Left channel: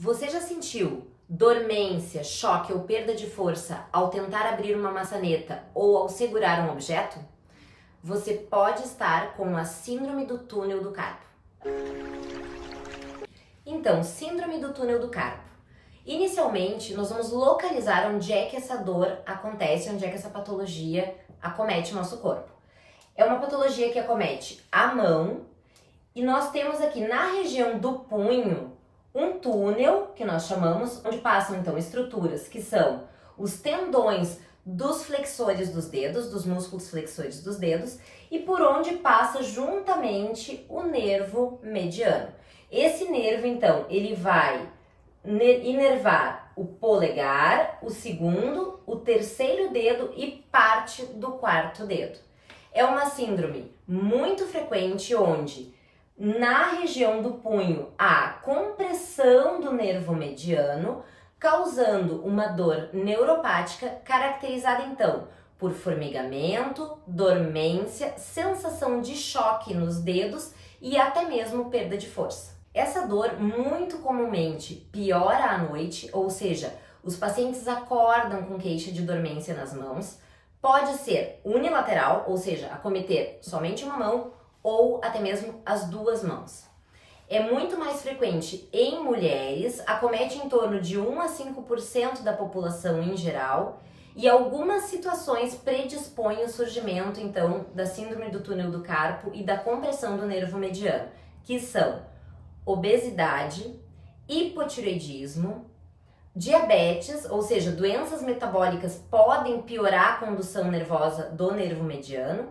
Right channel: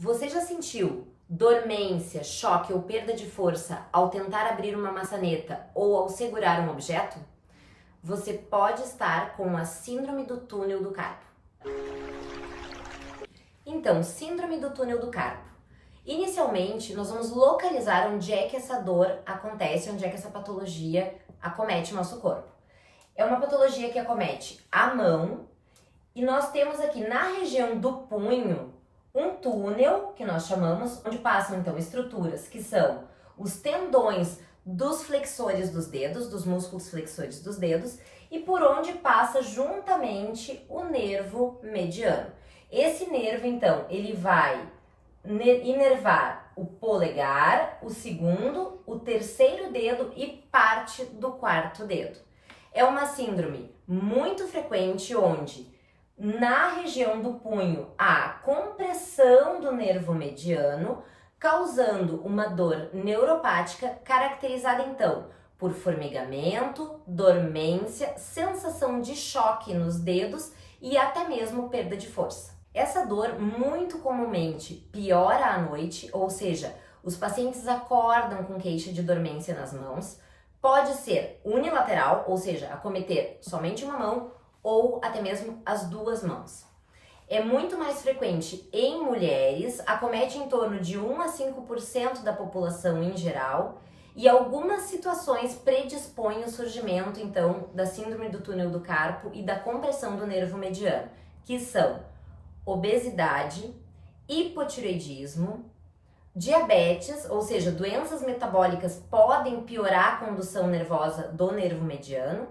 Você já sentiu dormência, choque ou perda de força ao tentar abrir uma maçaneta ou ao segurar um objeto? Você pode estar com a síndrome do túnel do carpo. Então, síndrome do túnel do carpo. Inicialmente, nós vamos localizar onde é que essa dor acontece, onde é que essa patologia acomete o nosso corpo. É uma patologia que acomete a mão e nós temos aqui na região do punho um túnel, que nós chamamos, onde passam então estruturas que são os tendões dos flexores dos dedos, dos músculos flexores dos dedos, e por onde passa juntamente o nervo mediano. Esse nervo, então, ele vai inervar o polegar, o segundo, o terceiro dedo e parte do quarto dedo. É uma síndrome muito frequente onde na região do punho há compressão do nervo mediano, causando uma dor neuropática caracterizada então por formigamento, dormência, sensação de choque nos dedos e até mesmo perda de força. Essa dor muito comumente piora à noite, ou seja, os pacientes acordam com queixa de dormência nas mãos, pode ser unilateral, ou seja, acometer somente uma mão ou até mesmo as duas mãos. É muito mais frequente em mulheres, acomete em torno de 1 a 5% da população em geral, e algumas situações predispõem o surgimento então da síndrome do túnel do carpo e da compressão do nervo mediano, que são obesidade, hipotireoidismo, diabetes, ou seja, doenças metabólicas podem piorar a condução nervosa do nervo mediano.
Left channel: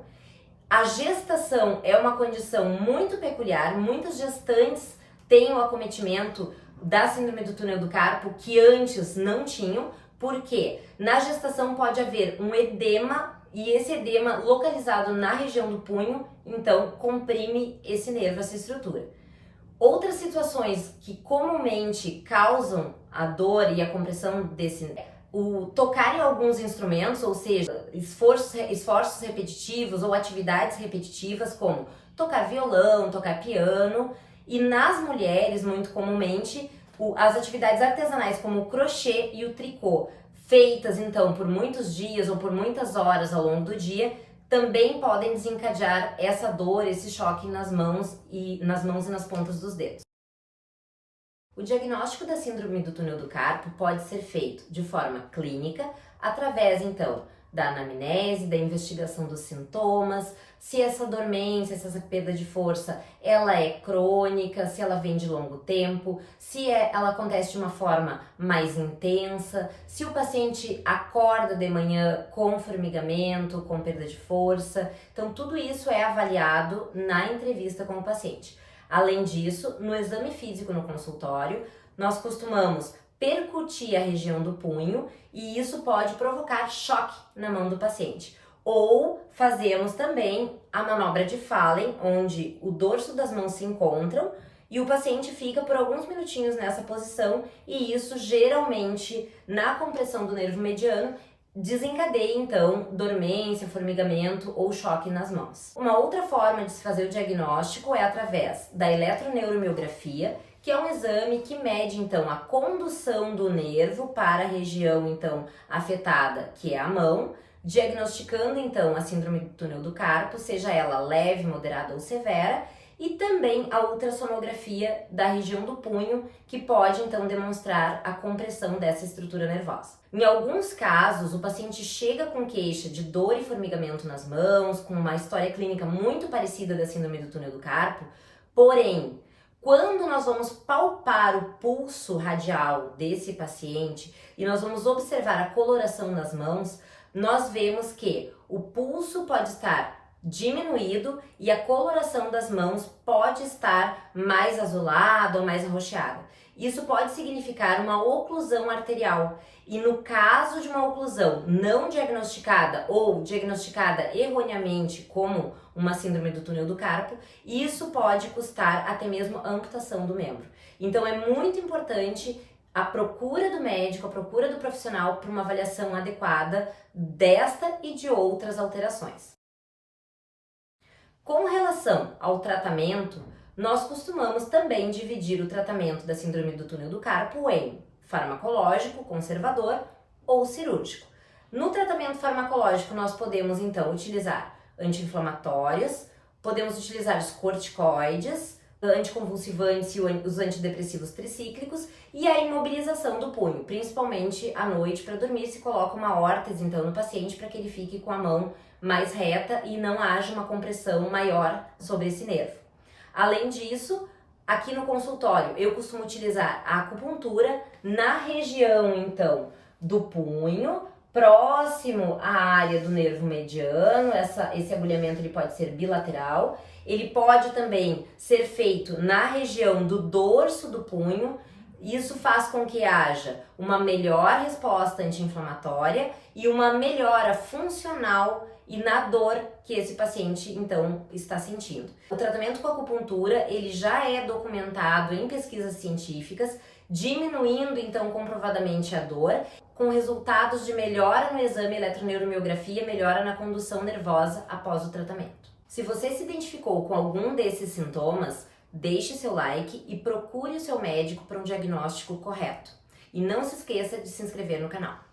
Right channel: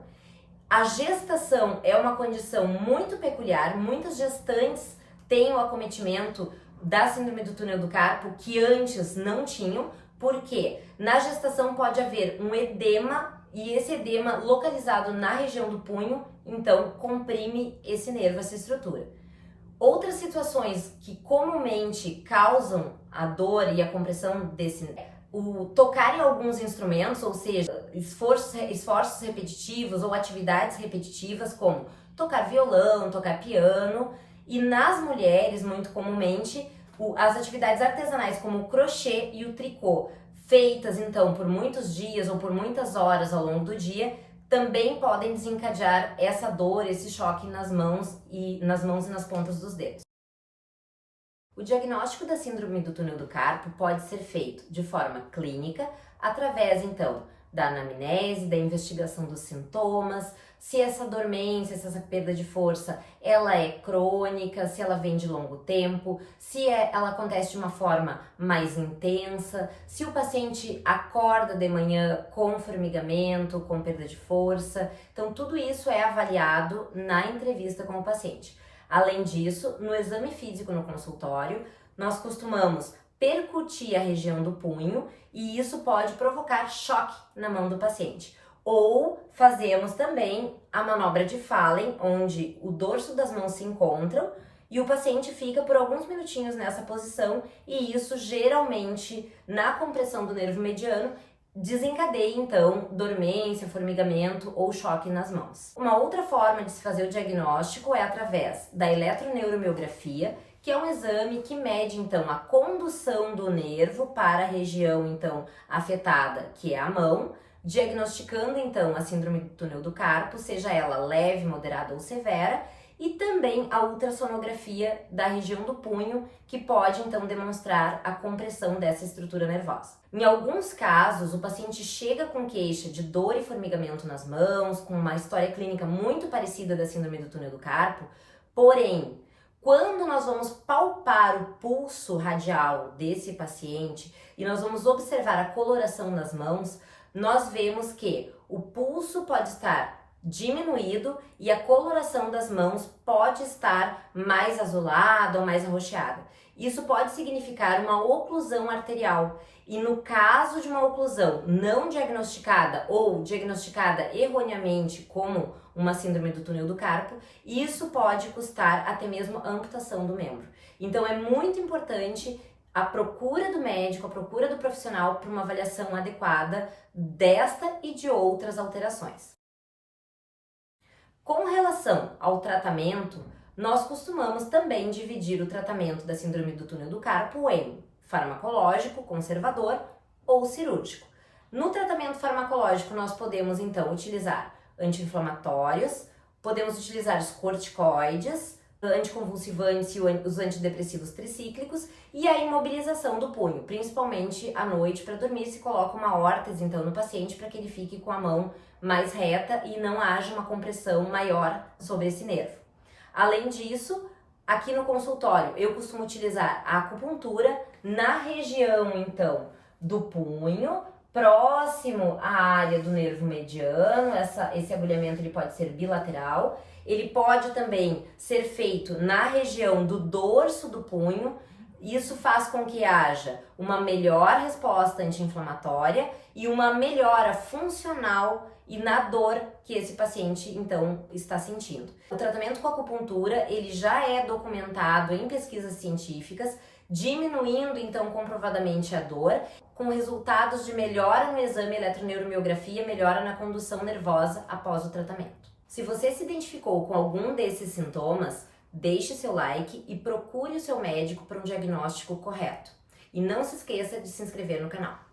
A gestação é uma condição muito peculiar, muitas gestantes têm o acometimento da síndrome do túnel do carpo que antes não tinham, porque na gestação pode haver um edema e esse edema localizado na região do punho, então comprime esse nervo, essa estrutura. Outras situações que comumente causam a dor e a compressão desse o tocar em alguns instrumentos, ou seja, esforços repetitivos ou atividades repetitivas como tocar violão, tocar piano, e nas mulheres, muito comumente, as atividades artesanais como o crochê e o tricô, feitas então por muitos dias ou por muitas horas ao longo do dia, também podem desencadear essa dor, esse choque nas mãos e nas pontas dos dedos. O diagnóstico da síndrome do túnel do carpo pode ser feito de forma clínica, através então da anamnese, da investigação dos sintomas, se essa dormência, se essa perda de força, ela é crônica, se ela vem de longo tempo, se ela acontece de uma forma mais intensa, se o paciente acorda de manhã com formigamento, com perda de força. Então tudo isso é avaliado na entrevista com o paciente. Além disso, no exame físico no consultório, nós costumamos percutir a região do punho e isso pode provocar choque na mão do paciente. Ou fazemos também a manobra de Fallen, onde o dorso das mãos se encontram e o paciente fica por alguns minutinhos nessa posição e isso geralmente, na compressão do nervo mediano, desencadeia então dormência, formigamento ou choque nas mãos. Uma outra forma de se fazer o diagnóstico é através da eletroneuromiografia, que é um exame que mede então a condução do nervo para a região então afetada, que é a mão, diagnosticando então a síndrome do túnel do carpo, seja ela leve, moderada ou severa, e também a ultrassonografia da região do punho, que pode então demonstrar a compressão dessa estrutura nervosa. Em alguns casos, o paciente chega com queixa de dor e formigamento nas mãos, com uma história clínica muito parecida da síndrome do túnel do carpo, porém, quando nós vamos palpar o pulso radial desse paciente e nós vamos observar a coloração nas mãos, nós vemos que o pulso pode estar diminuído e a coloração das mãos pode estar mais azulada ou mais arroxeada. Isso pode significar uma oclusão arterial e no caso de uma oclusão não diagnosticada ou diagnosticada erroneamente como uma síndrome do túnel do carpo, isso pode custar até mesmo a amputação do membro. Então é muito importante a procura do médico, a procura do profissional para uma avaliação adequada desta e de outras alterações. Com relação ao tratamento, nós costumamos também dividir o tratamento da síndrome do túnel do carpo em farmacológico, conservador ou cirúrgico. No tratamento farmacológico, nós podemos então utilizar anti-inflamatórios, podemos utilizar os corticoides, anticonvulsivantes e os antidepressivos tricíclicos e a imobilização do punho, principalmente à noite para dormir, se coloca uma órtese então no paciente para que ele fique com a mão mais reta e não haja uma compressão maior sobre esse nervo. Além disso, aqui no consultório eu costumo utilizar a acupuntura na região então do punho, próximo à área do nervo mediano. Esse agulhamento ele pode ser bilateral, ele pode também ser feito na região do dorso do punho. Isso faz com que haja uma melhor resposta anti-inflamatória e uma melhora funcional e na dor que esse paciente então está sentindo. O tratamento com acupuntura ele já é documentado em pesquisas científicas, diminuindo então comprovadamente a dor, com resultados de melhora no exame eletroneuromiografia, melhora na condução nervosa após o tratamento. Se você se identificou com algum desses sintomas, deixe seu like e procure o seu médico para um diagnóstico correto. E não se esqueça de se inscrever no canal.